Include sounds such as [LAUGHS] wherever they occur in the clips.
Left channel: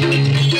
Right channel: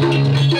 Thank [LAUGHS] you.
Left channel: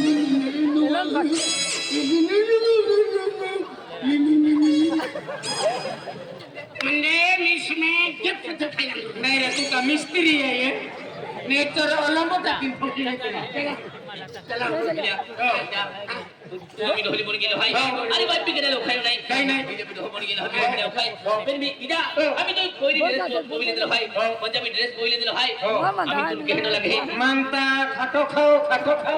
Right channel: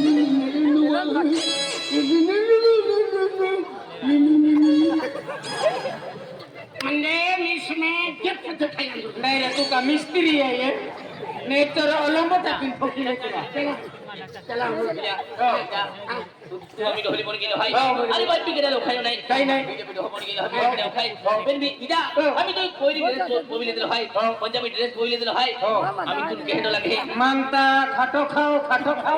misteri ya ya. Nature alam betul pun pokir. Jalan. Manta খাটো খাও খাটো খাও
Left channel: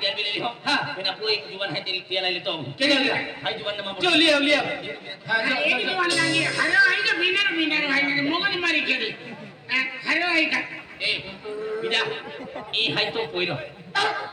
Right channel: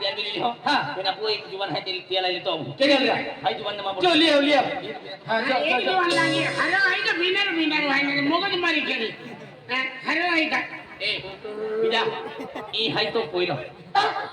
biar beli lihat. Ha, kena pui tujuan hati di tiada itu. Kena lihat. Hai tujuan nama. Jom lihat, lihat. Ha, jom. Ini tujuan lagi. Hello, hai tu minar, minar. Hai ni moga ni mari kiri. Hello, hai tu. Eh, bida. Ini hai tu pui lo.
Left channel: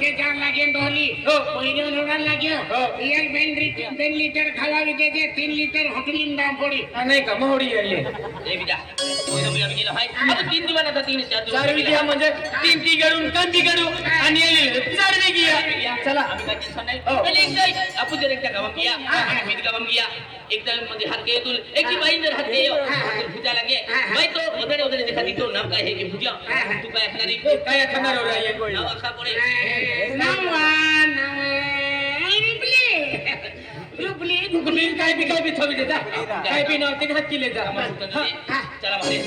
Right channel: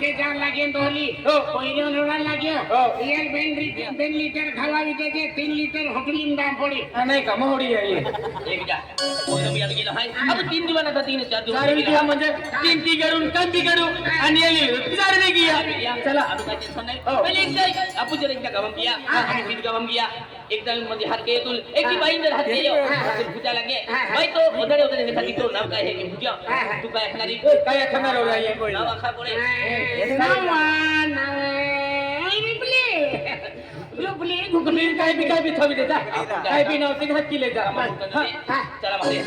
ડોલી લાગ્યો બેન ખાવા વિજે છે તીન litre પડી અને ઘમોડી દિવસ ચાર T ગળું ગળું અને চলা আমি কাজ সানাই ও একটাই আপু জের একটা গাবাম গিয়া আমি বিদ গাবাম গিয়া একদম মধ্যে হাত কে তুল একটি বাইন্দার হাত দিও ভুজা লাগে ভাই তো ওদারে ওদারে দেখা দিত না কাই হে কি ভুজা তুই কাই খানারি কই কাই খানার ও লাইয়া কই না আখা পড়ে নামান ইরিপলি ইরিপলি গুগলি কাই বি কাই বি থবি দে দা কাই বি নাও তে হাত কি লে দা আমার হ্যাঁ চলা মারি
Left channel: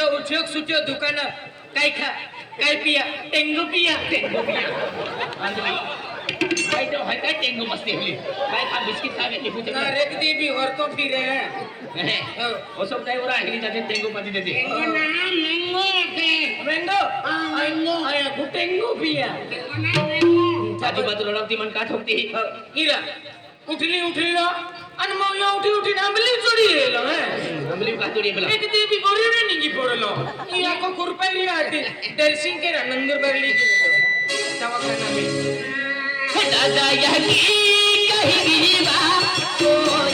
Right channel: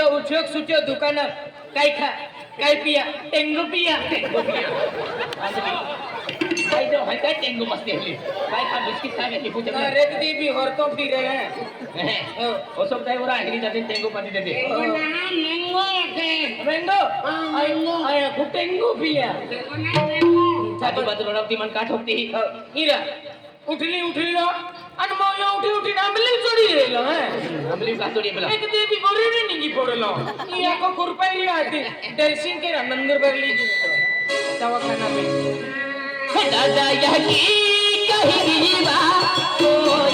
पियो उठियो सुचियो दुकानर काई खा काई पिया टेंगू पिया काई तो है काई टेंगू मस्ती हुई काई [LAUGHS] खा बिस्किट खा गई पूछ ना रेत दी भी हर तो फिर है वो सब जाए बोला आखिरी जाते टेंगू पानी देते मैंगो आके मैंगो मैंगो आया गु टेंगू पिया चाची बात लड़ाती मन काट होती ही इरा उठली उठली ना அனுமாவை ஊட்டி ஊட்டி நம்மளே சொல்லி ஏலோ நம்மளே பாத்து ஏலோ எனக்கு தேவி வரணும் நீங்க போறலாம் நீ அக்க குர்பைய ஆதி தரிசிங்க நான் நந்தர் பரலி தவக்கனமே கடதாயகி கஹிவிவா